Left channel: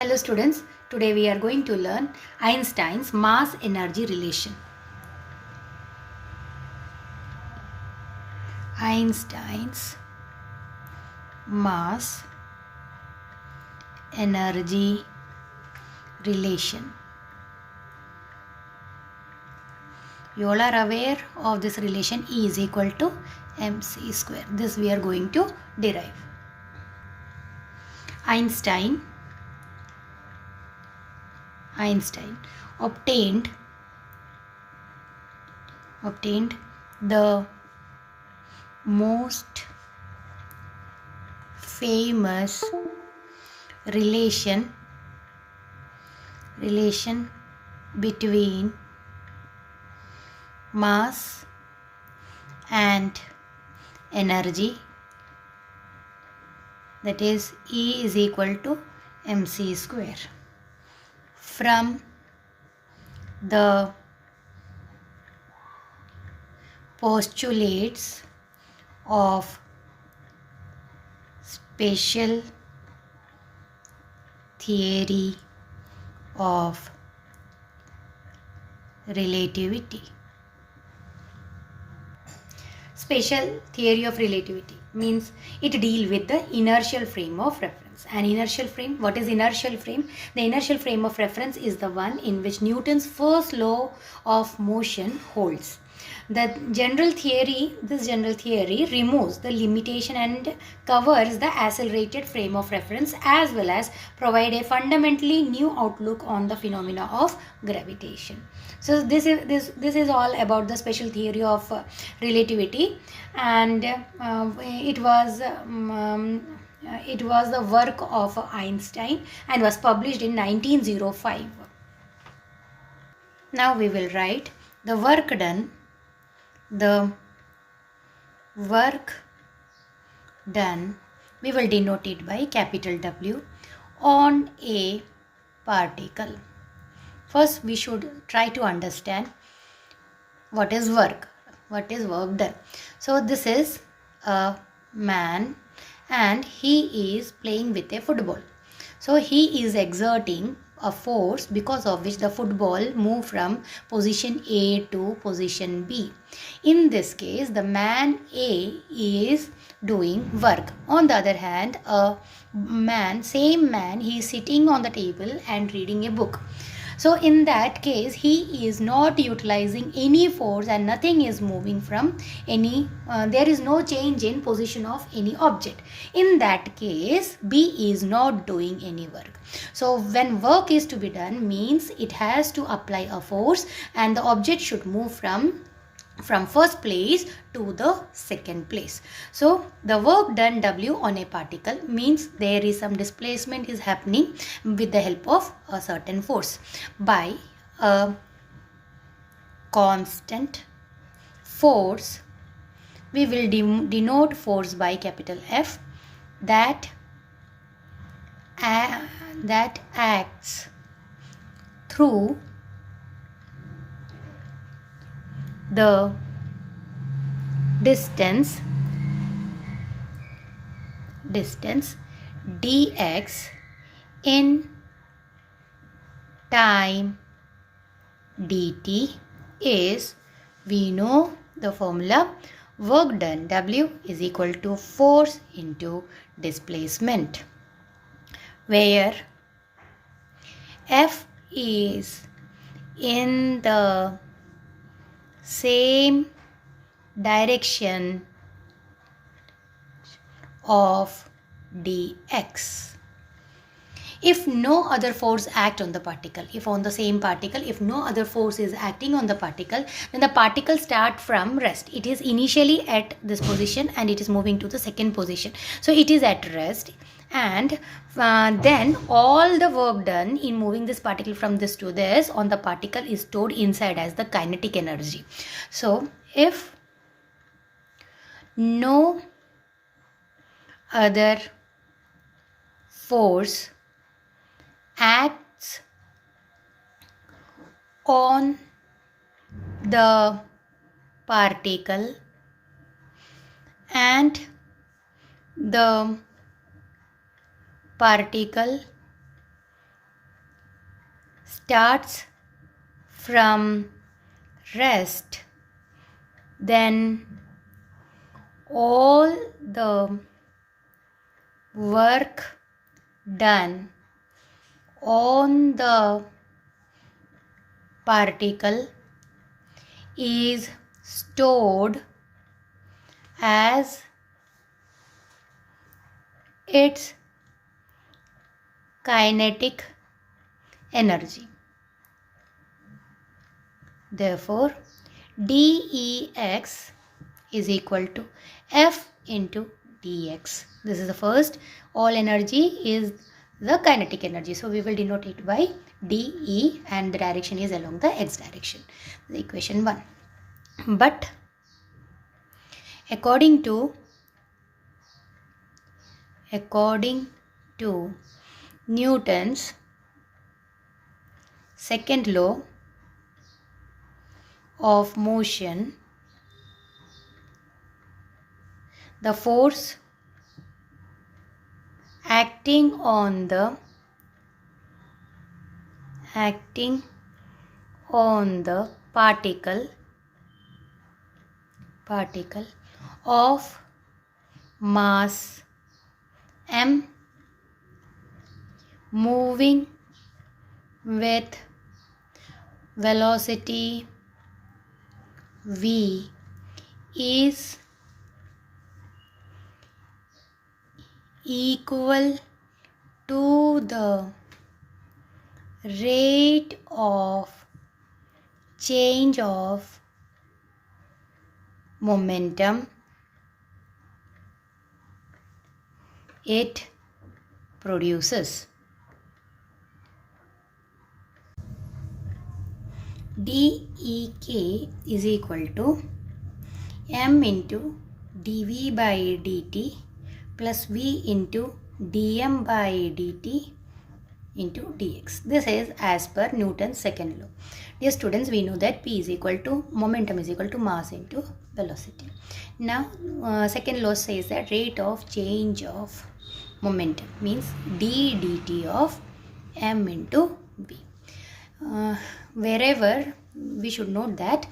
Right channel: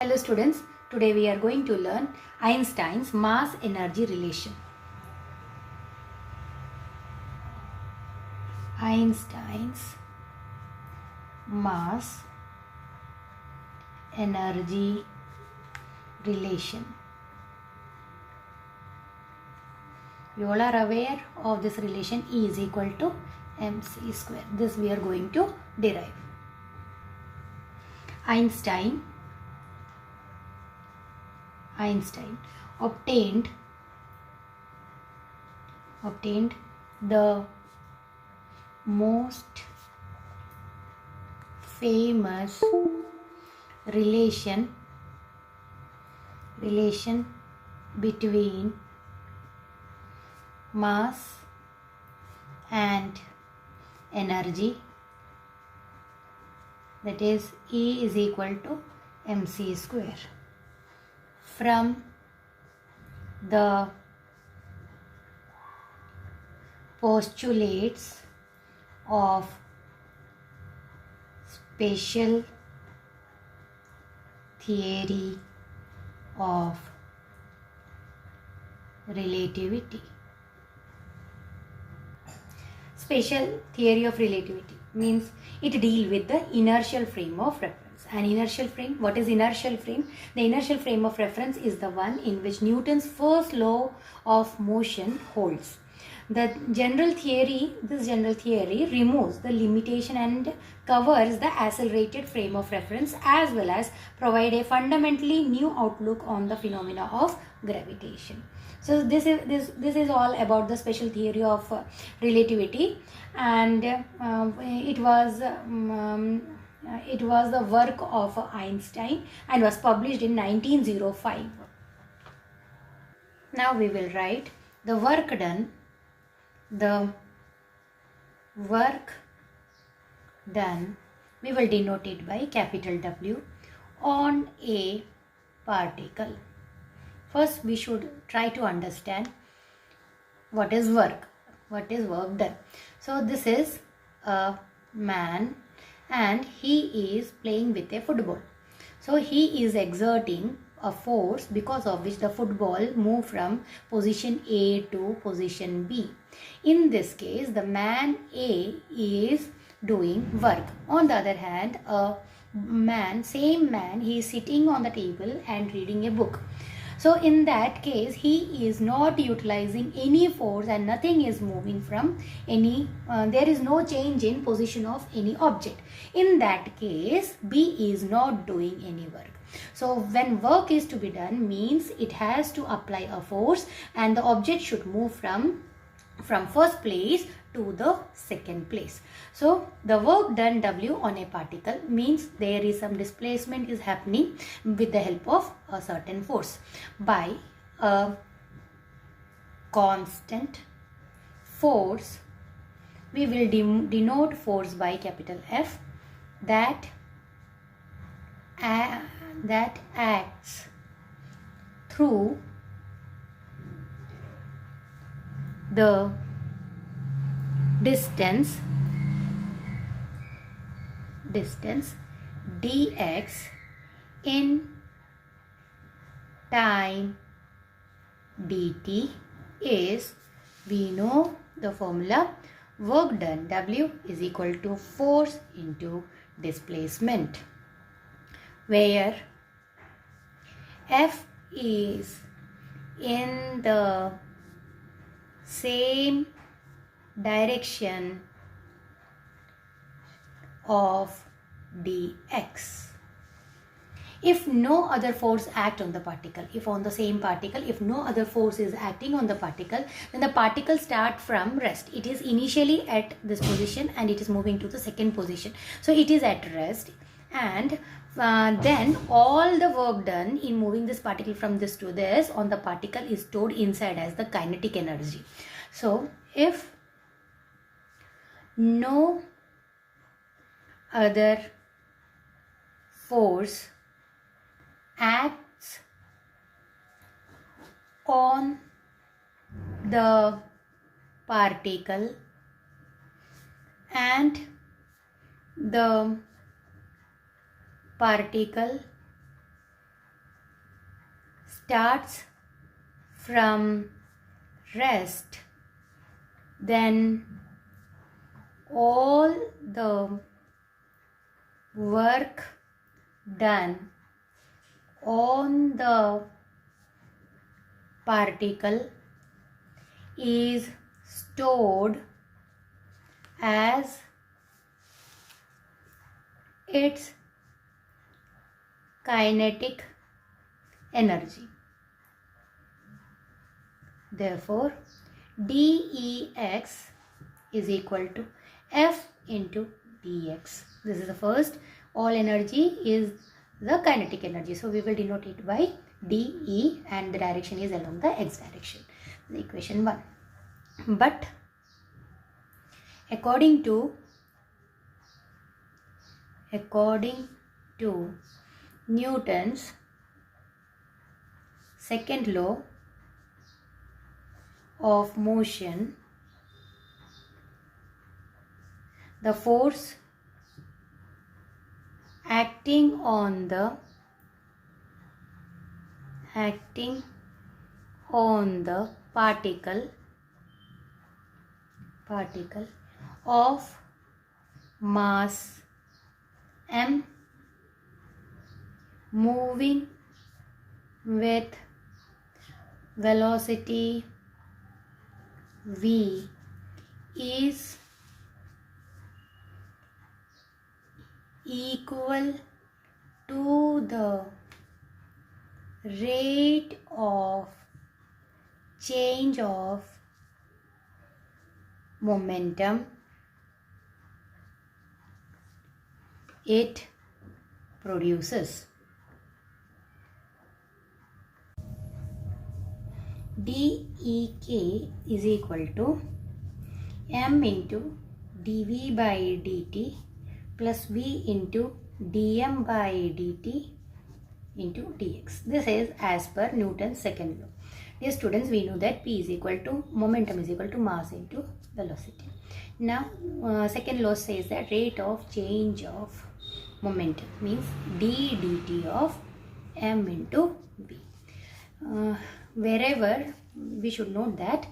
Hello students, today we are going to learn Einstein's mass-energy relation. Einstein's mass-energy relation. You all are aware of this relation E is equal to mc square. This we are going to derive. Einstein obtained the most famous relation between mass and energy, that is E is equal to mc square, from the postulates of special theory of relativity. Special theory of relativity means it deals with the inertial frame of reference. An inertial frame, what is inertial frame? The inertial frame of reference is the one in which Newton's first law of motion holds. This general theory removes the limitation and covers the accelerated frame of reference, as well as provide a fundamentally new outlook on the phenomena of gravitation. So this is all about the special theory of relativity, and it was the work of Einstein and was published in 1905. Now we will write the work done. We will denote it by capital W on a particle. First, we should try to understand what is work done. So this is a man and he is playing with a football. So he is exerting a force because of which the football moved from position A to position B. In this case, the man A is doing work. On the other hand, same man, he is sitting on the table and reading a book. So in that case, he is not utilizing any force and nothing is moving from any, there is no change in position of any object. In that case, B is not doing any work. So when work is to be done, means it has to apply a force and the object should move from first place to the second place. So the work done W on a particle means there is some displacement is happening with the help of a certain force by a constant force. We will denote force by capital F that acts through the distance dx in time dt is, we know the formula, work done W is equal to force into displacement, where F is in the same direction of dx. If no other force act on the particle, if on the same particle, if no other force is acting on the particle, then the particle start from rest. It is initially at this position and it is moving to the second position. So it is at rest, and then all the work done in moving this particle from this to this on the particle is stored inside as the kinetic energy. So if no other force acts on the particle and the particle starts from rest, then all the work done on the particle is stored as its kinetic energy. Therefore, dEx is equal to F into dx. This is the first. All energy is the kinetic energy. So we will denote it by dE and the direction is along the x direction. The equation 1. But according to Newton's second law of motion, the force acting on the particle of mass m moving with velocity v is equal to the rate of change of momentum it produces. dEk is equal to m into dv by dt plus v into dm by dt into dx. This is as per Newton's second law. Dear students, we know that P is equal to momentum is equal to mass into velocity. Now, second law says that rate of change of momentum means d dt of m into v. Wherever we should note that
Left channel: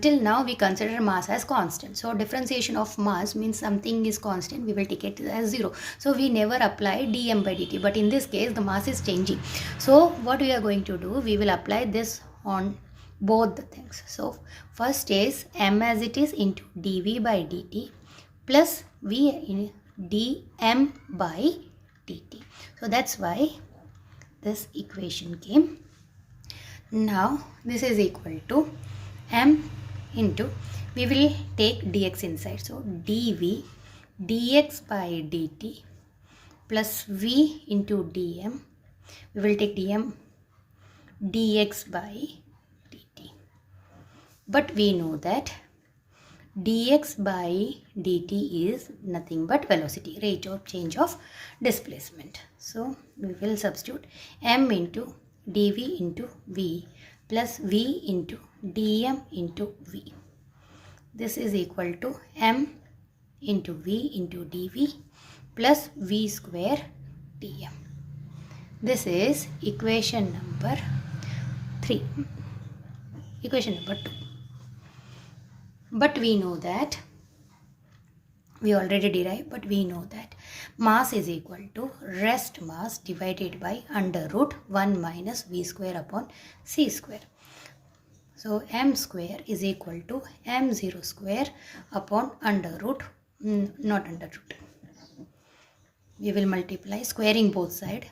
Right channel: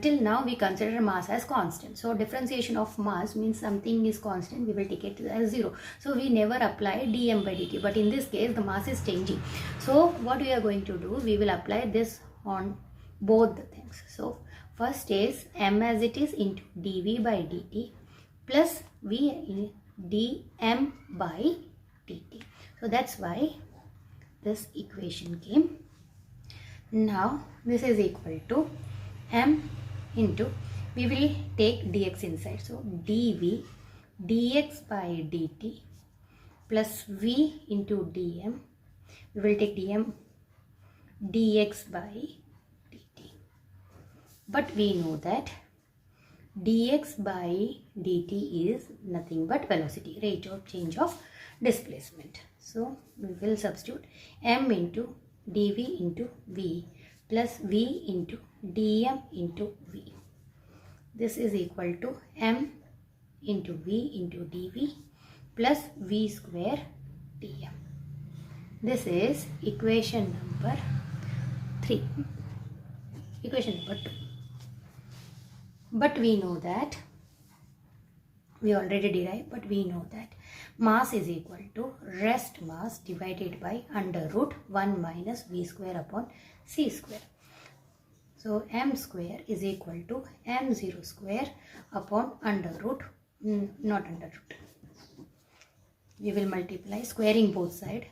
till now we consider mass as constant. So differentiation of mass means something is constant, we will take it as 0. So we never apply dm by dt, but in this case the mass is changing. So what we are going to do, we will apply this on both the things. So first is m as it is into dv by dt plus v in dm by dt. So that's why this equation came. Now this is equal to m into, we will take dx inside, so dv dx by dt plus v into dm, we will take dm dx by dt. But we know that dx by dt is nothing but velocity, rate of change of displacement. So we will substitute m into dv into v plus v into dm into v. This is equal to m into v into dv plus v square dm. This is equation number 3. Equation number 2. But we know that, we already derived, but we know that mass is equal to rest mass divided by under root 1 minus v square upon c square. So m square is equal to m0 square upon under root, not under root. We will multiply, squaring both side.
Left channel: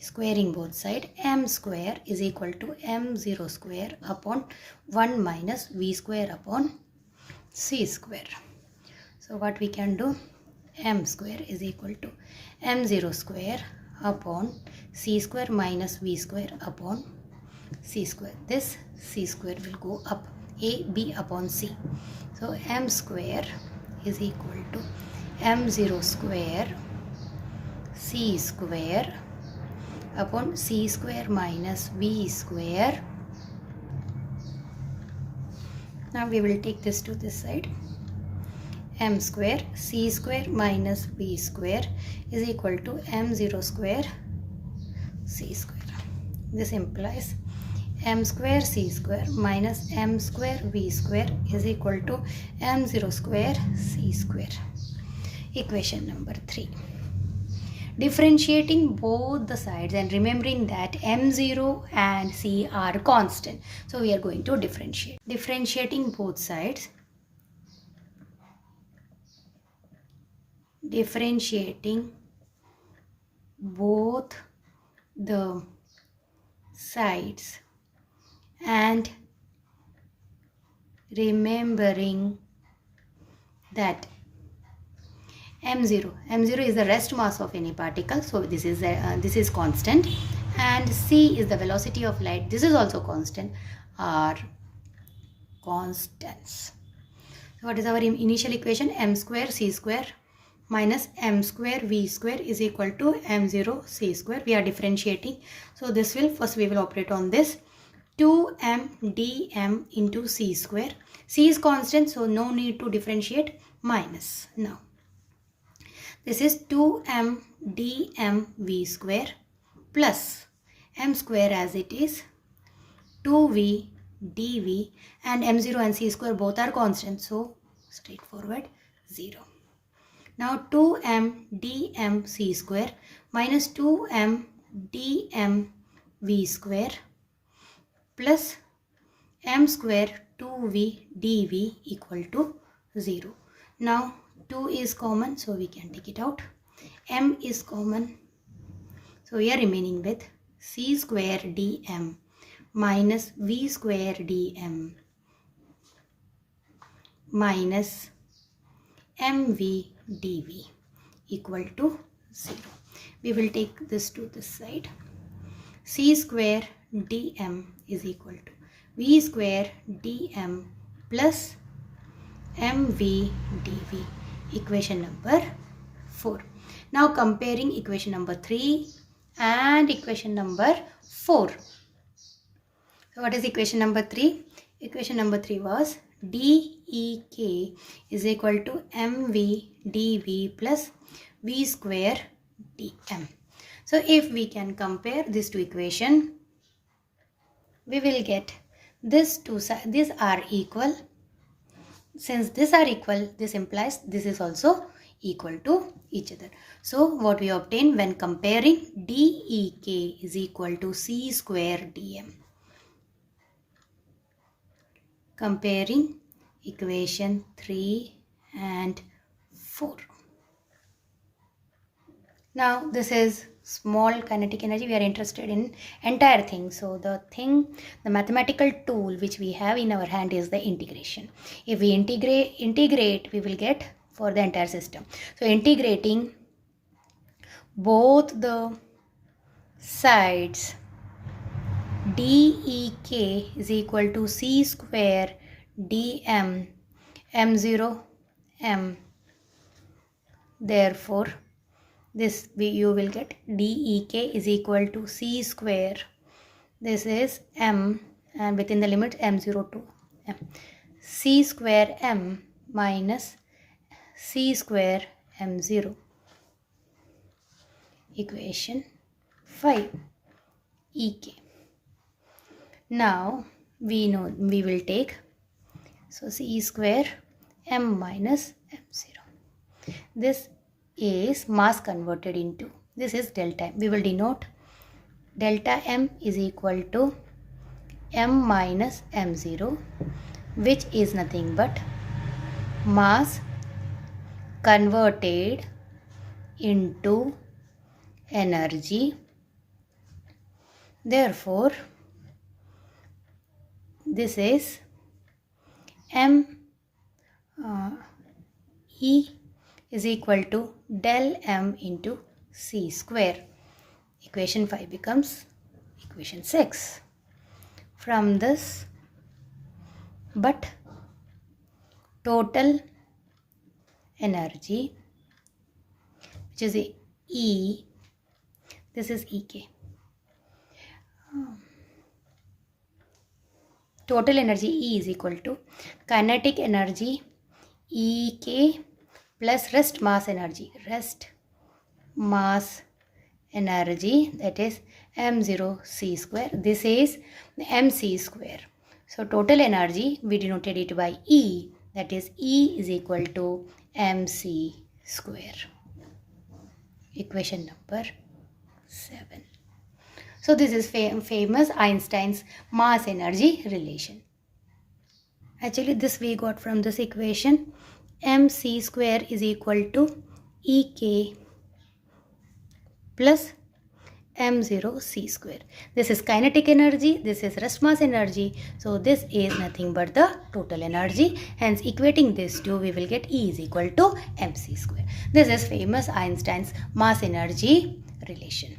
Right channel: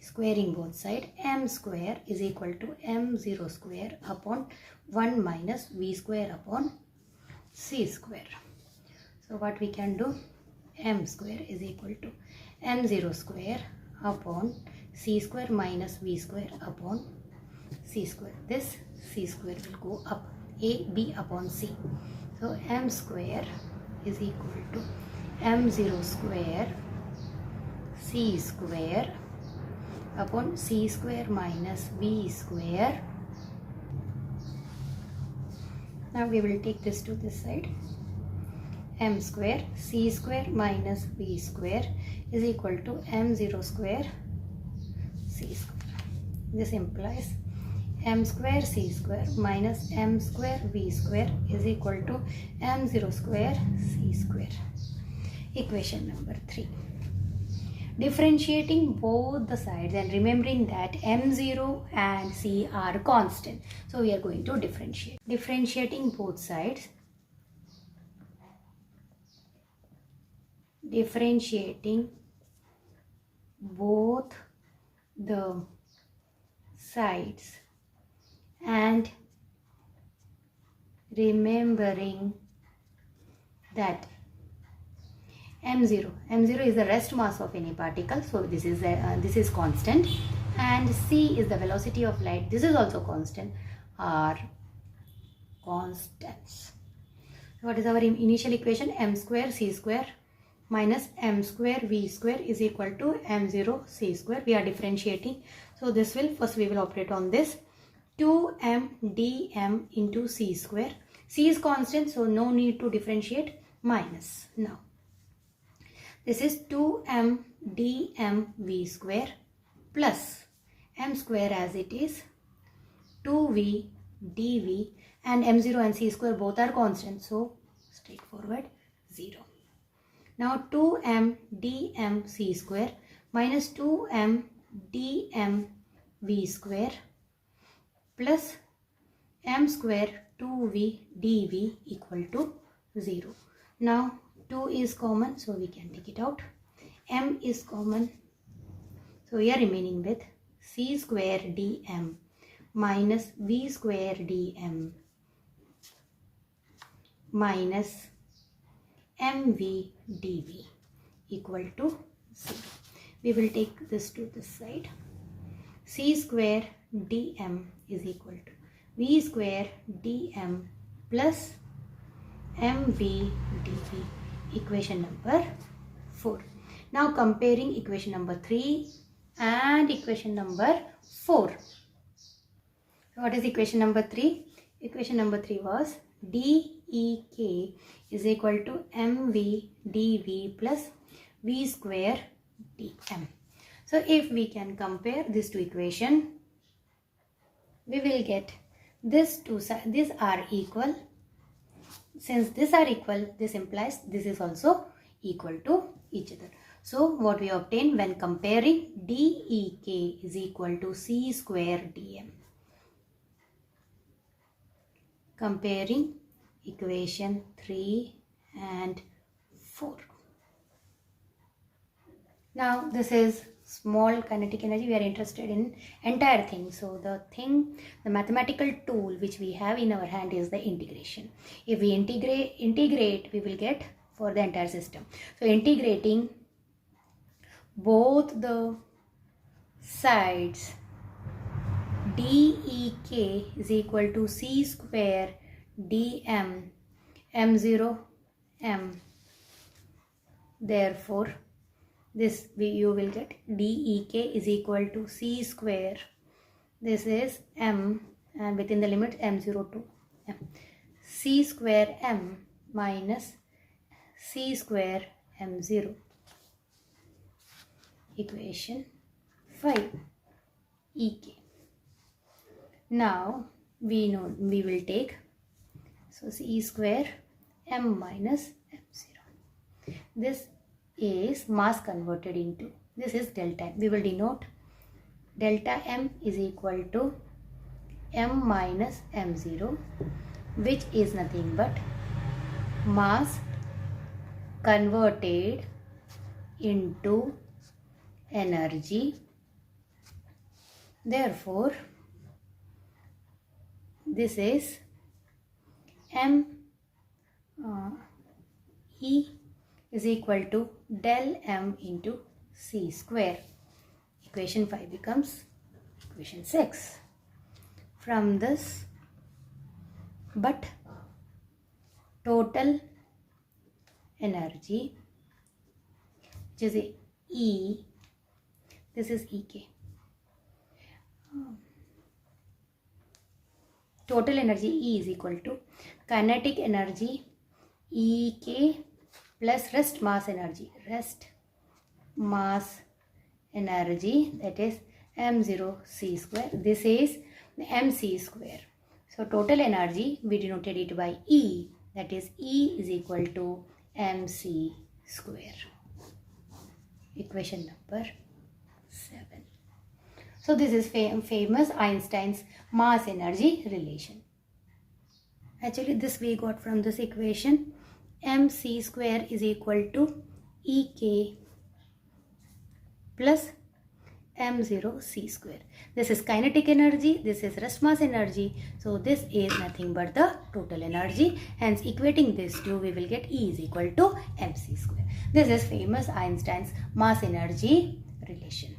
Squaring both side, m square is equal to m0 square upon 1 minus v square upon c square. So what we can do, m square is equal to m0 square upon c square minus v square upon c square. This c square will go up, a b upon c. So m square is equal to m0 square c square upon c square minus v square. Now we will take this to this side. M square c square minus v square is equal to m0 square c square. This implies m square c square minus m square v square is equal to m0 square c square. Equation number 3. Differentiating both the sides and remembering that m0 and c are constant. So we are going to differentiate. Differentiating both sides. Differentiating both the sides and remembering that m0 is the rest mass of any particle, so this is constant, and c is the velocity of light, this is also constant, are constants. So what is our initial equation? M square c square minus m square v square is equal to m0 c square. We are differentiating, so this will first we will operate on this 2m dm into c square. C is constant, so no need to differentiate, minus. Now this is 2m dm v square plus m square as it is 2v dv, and m0 and c square both are constant, so straightforward 0. Now 2m dm c square minus 2m dm v square plus m square 2v dv equal to 0. Now 2 is common, so we can take it out. M is common, so we are remaining with c square dm minus v square dm minus mv dv equal to 0. We will take this to this side. C square dm is equal to v square dm plus mv dv. Equation number 4. Now comparing equation number 3 and equation number 4. So what is equation number 3? Equation number 3 was dEk is equal to mv dv plus v square dm. So if we can compare these two equations, we will get these are equal. Since these are equal, this implies this is also equal to each other. So what we obtain when comparing dEk is equal to c square dm. Comparing equation 3 and 4. Now this is small kinetic energy. We are interested in entire thing. So the mathematical tool which we have in our hand is the integration. If we integrate, we will get for the entire system. So integrating both the sides, dEk is equal to c square dm m0 m. Therefore you will get dEk is equal to c square, this is m, and within the limit m0 to m, c square m minus c square m0. Equation 5, Ek. Now we know we will take, so c square m minus m0. This is mass converted into, this is delta m. We will denote delta m is equal to m minus m0, which is nothing but mass converted into energy. Therefore this is m E is equal to del m into c square. Equation 5 becomes equation 6. From this, but total energy, which is E, this is Ek. Total energy E is equal to kinetic energy Ek plus rest mass energy, rest mass energy, that is m0 c square. This is mc square. So total energy we denoted it by E, that is E is equal to mc square. Equation number 7. So this is famous Einstein's mass energy relation. Actually this we got from this equation. mc square is equal to ek plus m0 c square. This is kinetic energy, this is rest mass energy. So this is nothing but the total energy. Hence equating this two, we will get E is equal to mc square. This is famous Einstein's mass energy relation.